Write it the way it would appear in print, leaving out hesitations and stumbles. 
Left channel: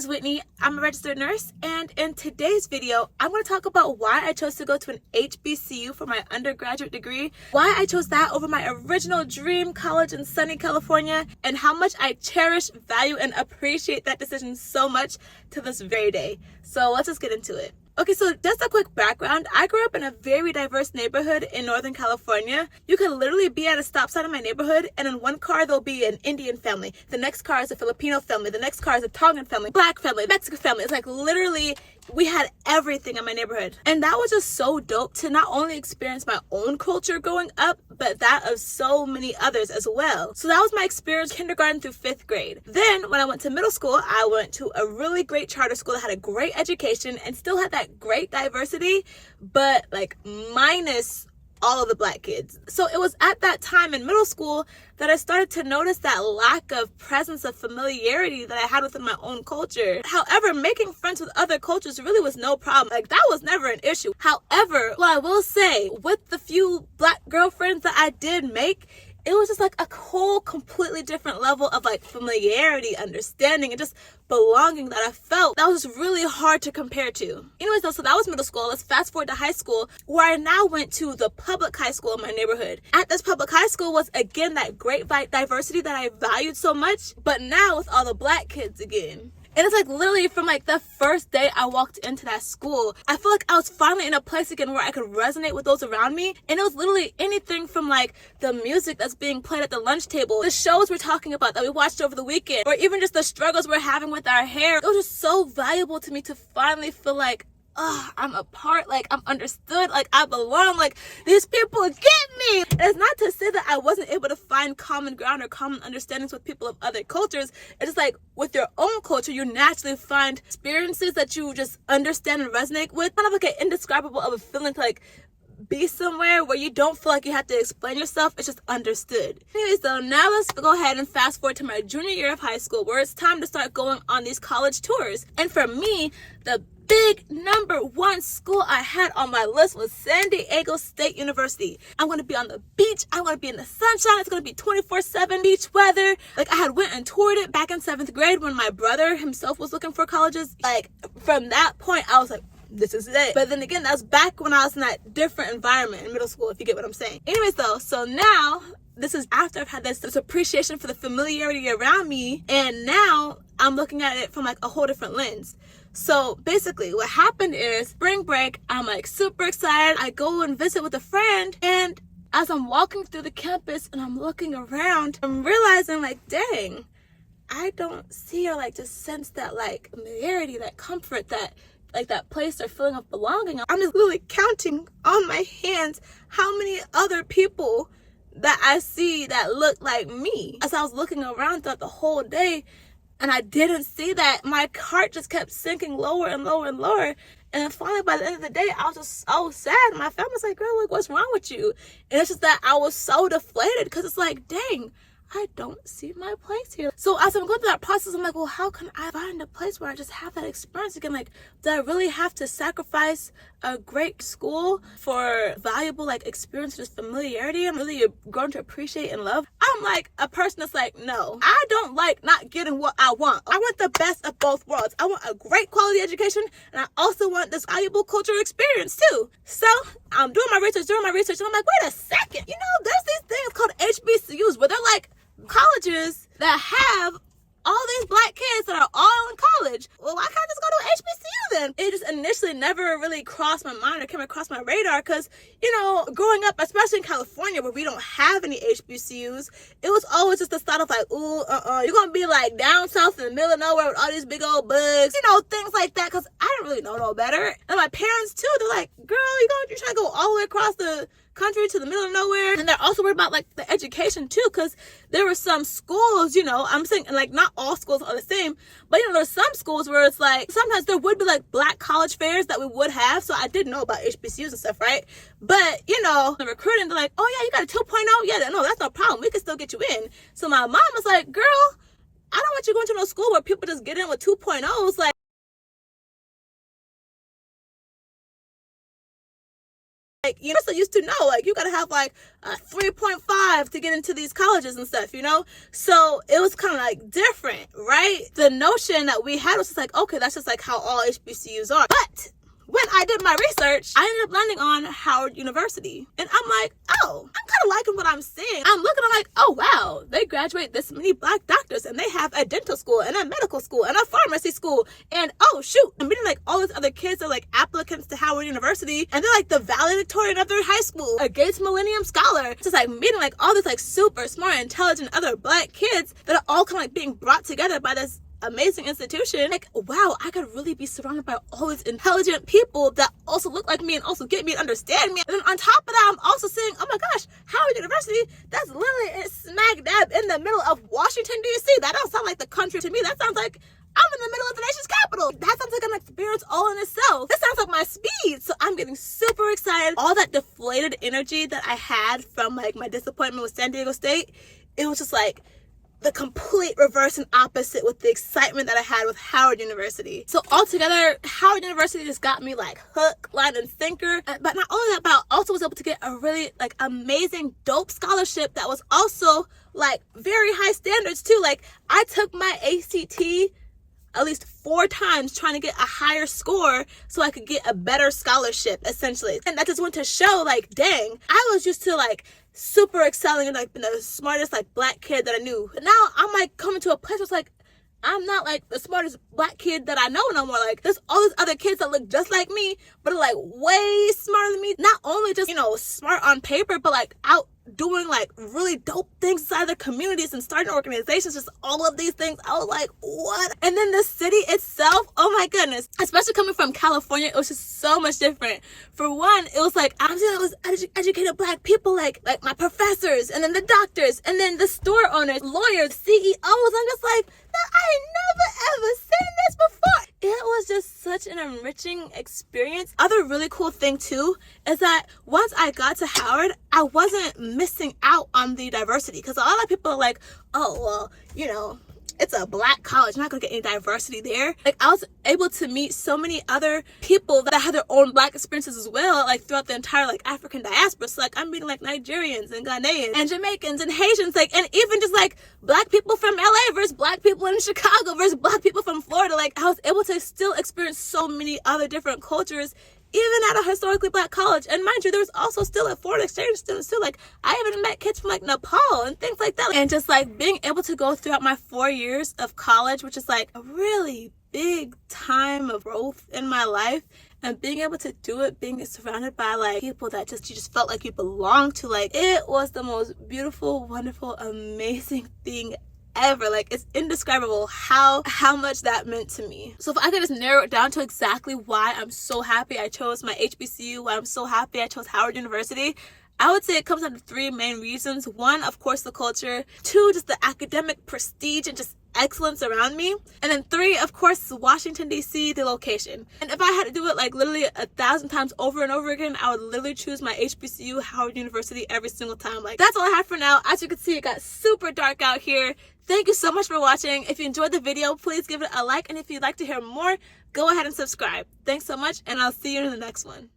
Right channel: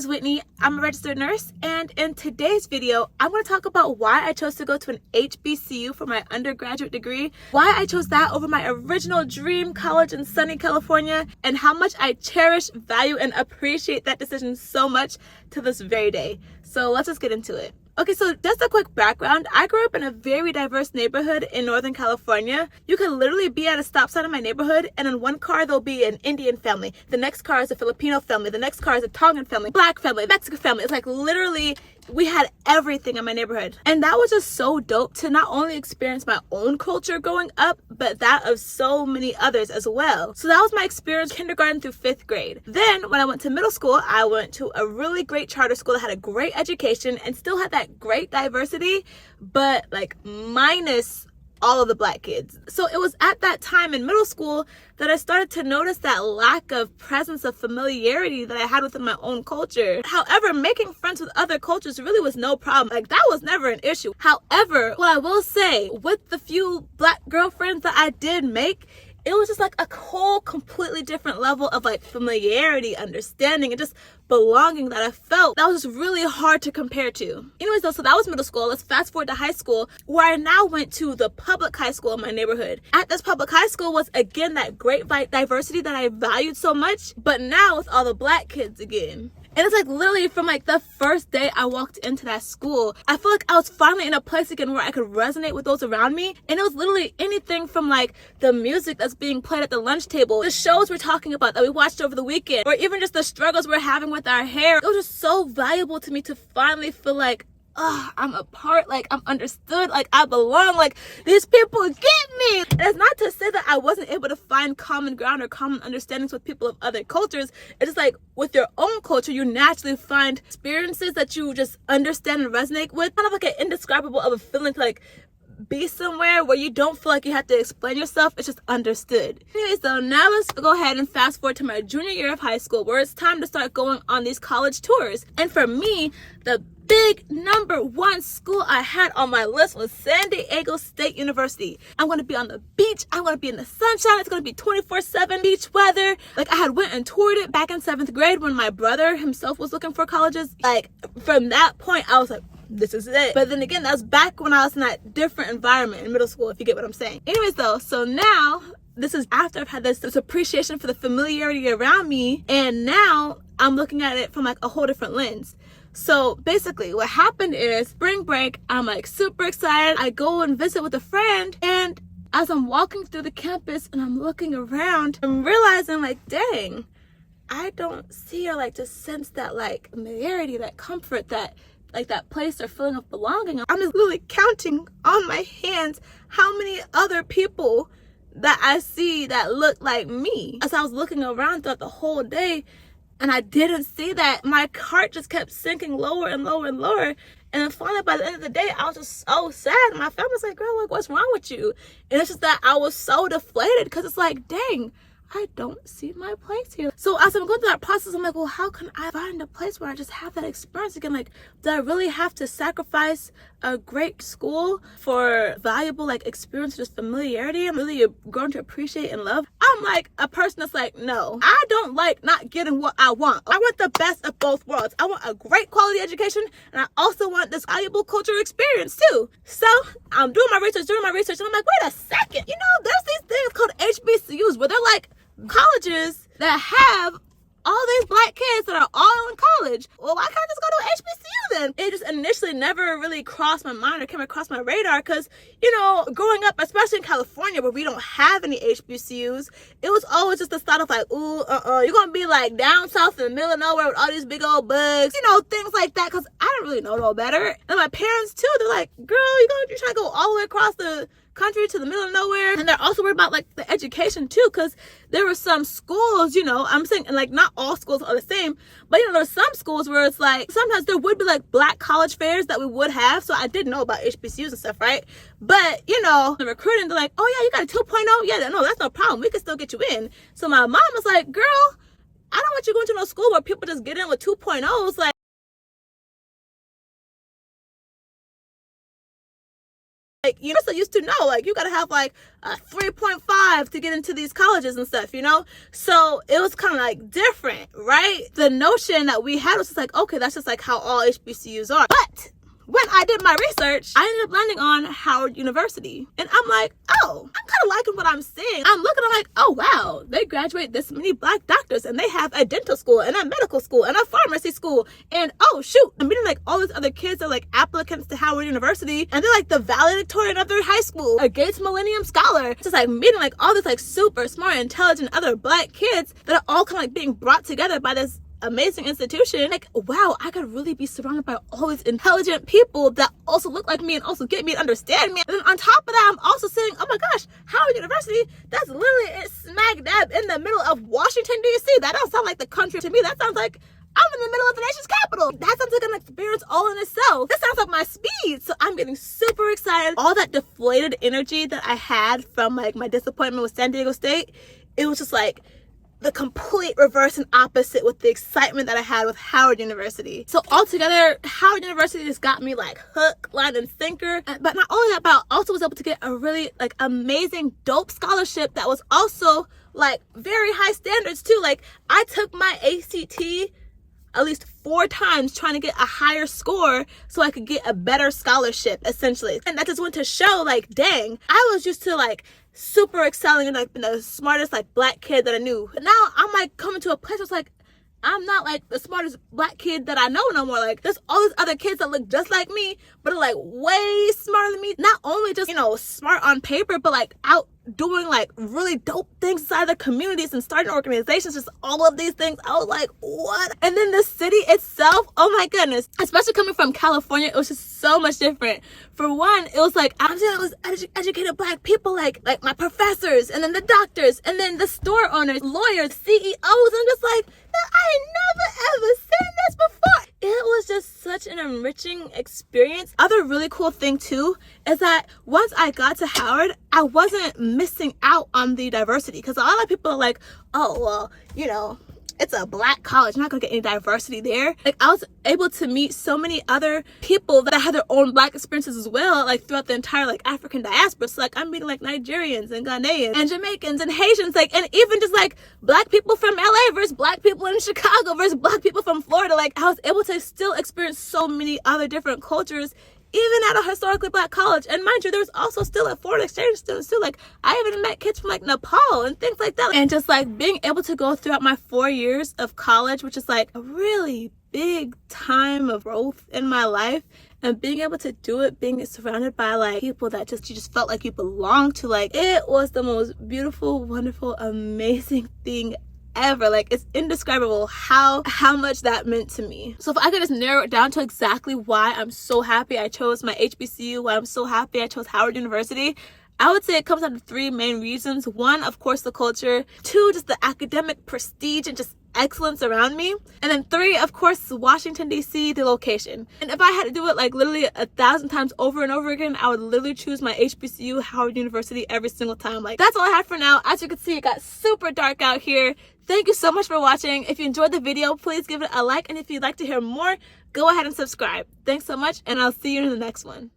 is Whitney. I'm a registered nurse, and in today's video, I'm going to talk about why I chose to go to an HBCU for my undergraduate degree, why I chose that over my original dream college in sunny California, and how much I cherish, value, and appreciate that decision so much to this very day. So let's just get into it. Okay, so just a quick background. I grew up in a very diverse neighborhood in Northern California. You can literally be at a stop sign in my neighborhood, and in one car there'll be an Indian family. The next car is a Filipino family. The next car is a Tongan family, Black family, Mexican family. It's like literally we had everything in my neighborhood. And that was just so dope to not only experience my own culture growing up, but that of so many others as well. So that was my experience kindergarten through 5th grade. Then when I went to middle school, I went to a really great charter school that had a great education and still had that great diversity, but like minus all of the Black kids. So it was at that time in middle school that I started to notice that lack of presence of familiarity that I had within my own culture. However, making friends with other cultures really was no problem. Like, that was never an issue. However, what I will say, with the few Black girlfriends that I did make, it was just like a whole completely different level of like familiarity, understanding, and just belonging that I felt that was just really hard to compare to. Anyways though, so that was middle school. Let's fast forward to high school, where I now went to the public high school in my neighborhood. At this public high school was again that great diversity that I valued so much, but now with all the Black kids again. And it's like literally from like the first day I walked into that school, I feel like I was finally in a place again where I could resonate with those around me. And it was literally anything from like the music that's being played at the lunch table, the shows we're talking about that we watched over the weekend, or even just the struggles we're having with our hair. It was just so valuable to me to finally feel like, I'm a part, like I'm understood, like I belong, like these people get me. And it's not to say that I wasn't able to find common ground or common understandings with people of other cultures. It's just like with your own culture, you naturally find experiences that you just understand and resonate with. Kind of like an indescribable of a feeling to like be somewhere where you don't feel like you have to explain yourself. It's just understood. Anyway, so now let's go ahead and fast forward to my junior year of high school, where it's time to start going on these college tours. And for me, the big #1 school I had on my list was San Diego State University. I'm going to be on the beach. I'm going to be in the sunshine. It's going to be 24/7 beach weather. Like, I had went and toured it back in 7th grade when my brother himself was looking for colleges. Like, from that point, I was like, this is it. But then again, that was back when I was in that different environment in middle school, if you get what I'm saying. Anyways though, so now this is after I've had this appreciation for the familiarity around me, and now I'm looking at it from like a whole different lens. So basically what happened is spring break, I'm like super excited. I go and visit with a friend, and as I'm walking through the campus and I'm looking around, I'm realizing like, dang, I don't see or like just sense that like familiarity, that comfort, that like that place or feeling of belonging. I'm just literally counting on my hands how many other people that I see that look like me. As I was looking around throughout the whole day, and I didn't see that, my heart just kept sinking lower and lower and lower. And then finally, by the end of the day, I was just so sad. My family's like, girl, like, what's wrong with you? And it's just that I was so deflated, because it's like, dang, I don't see my place here. So as I'm going through that process, I'm like, well, how can I find a place where I just have that experience again? Like, do I really have to sacrifice a great school for valuable like experience, just familiarity? I'm really grown to appreciate and love. I'm like a person that's like, no, I don't like not getting what I want. I want the best of both worlds. I want a great quality education, and I also want this valuable cultural experience too. So I'm doing my research, and I'm like, wait a second, you know, there's these things called HBCUs where they're like colleges that have all these Black kids that are all in college. Well, why can't I just go to HBCU then? It just initially never really crossed my mind or came across my radar, because, you know, growing up, especially in California where we don't have any HBCUs, it was always just the thought of like, ooh, you're gonna be like down south in the middle of nowhere with all these big old bugs, you know, things like that, because I didn't really know no better. And my parents too, they're like, girl, you're trying to go all the way across the country to the middle of nowhere. And they're also worried about like the education too, because there were some schools, you know, I'm saying, and like not all schools are the same, but you know, there's some schools where it's like sometimes there would be like Black college fairs that we would have. So I did know about HBCUs and stuff, right? But you know, the recruiting, they're like, oh yeah, you got a 2.0. Yeah, no, that's no problem, we can still get you in. So my mom was like, girl, I don't want you going to no school where people just get in with 2.0s. Like, you know, so used to know, like, you gotta have like a 3.5 to get into these colleges and stuff, you know? So it was kind of like different, right? The notion that we had was just like, okay, that's just like how all HBCUs are. But when I did my research, I ended up landing on Howard University. And I'm like, oh, I'm kind of liking what I'm seeing. I'm looking, I'm like, oh, wow, they graduate this many Black doctors, and they have a dental school and a medical school and a pharmacy school. And oh, shoot, I'm meeting like all these other kids that are like applicants to Howard University, and they're like the valedictorian of their high school, a Gates Millennium Scholar. Just like meeting like all these like super smart, intelligent other Black kids that are all kind of like being brought together by this amazing institution. Like, wow, I could really be surrounded by all these intelligent people that also look like me and also get me and understand me. And then on top of that, I'm also saying, oh my gosh, Howard University, that's literally smack dab in the middle of Washington, D.C. That don't sound like the country to me. That sounds like I'm in the middle of the nation's capital. That sounds like an experience all in itself. That sounds like my speed. So I'm getting super excited. All that deflated energy that I had from like my disappointment with San Diego State, it was just like the complete reverse and opposite with the excitement that I had with Howard University. So altogether, Howard University just got me like hook, line, and sinker. But not only that, but I also was able to get a really like amazing, dope scholarship that was also like very high standards too. Like, I took my ACT at least 4 times trying to get a higher score so I could get a better scholarship, essentially. And that just went to show, like, dang, I was used to like super excelling and like the smartest like Black kid that I knew. But now I'm like coming to a place where it's like, I'm not like the smartest Black kid that I know no more. Like, there's all these other kids that look just like me, but are like way smarter than me. Not only just, you know, smart on paper, but like out doing like really dope things inside the communities and starting organizations, just all of these things. I was like, what? And then the city itself, oh my goodness, especially coming from California, it was just so much different. For one, it was like, I'm seeing all these educated Black people, like my professors, and then the doctors, and then the store owners, lawyers, CEOs. I'm just like, I had never ever seen this before. It was just such an enriching experience. Other really cool thing too is that once I got to Howard, I wasn't missing out on the diversity, because a lot of people are like, oh, well, you know, it's a Black college, you're not gonna get any diversity there. Like, I was able to meet so many other people that had their own Black experiences as well, like throughout the entire like African diaspora. So like, I'm meeting like Nigerians and Ghanaians and Jamaicans and Haitians, like, and even just like Black people from LA versus Black people in Chicago versus Black people from Florida. Like, I was able to still experience so many other different cultures, even at a historically Black college. And mind you, there was also still a foreign exchange students too. Like, I even met kids from like Nepal and things like that. And just like being able to go throughout my 4 years of college, which is like a really big time of growth in my life, and being able to do it, being surrounded by like people that you just felt like you belonged to, like, it was the most beautiful, wonderful, amazing thing ever. Like, it's indescribable how much that meant to me. So if I could just narrow it down to exactly why I'm so happy I chose my HBCU, why I'm so happy I chose Howard University, I would say it comes down to 3 main reasons. 1, of course, the culture. 2, just the academic prestige and just excellence around me. And then 3, of course, Washington, D.C., the location. And if I had to do it like literally 1,000 times over and over again, I would literally choose my HBCU, Howard University, every single time. Like, that's all I have for now. As you can see, it got super dark out here. Thank you so much for watching. If you enjoyed the video, please give it a like. And if you'd like to hear more, go ahead and subscribe. Thanks so much, and I'll see you in the next one.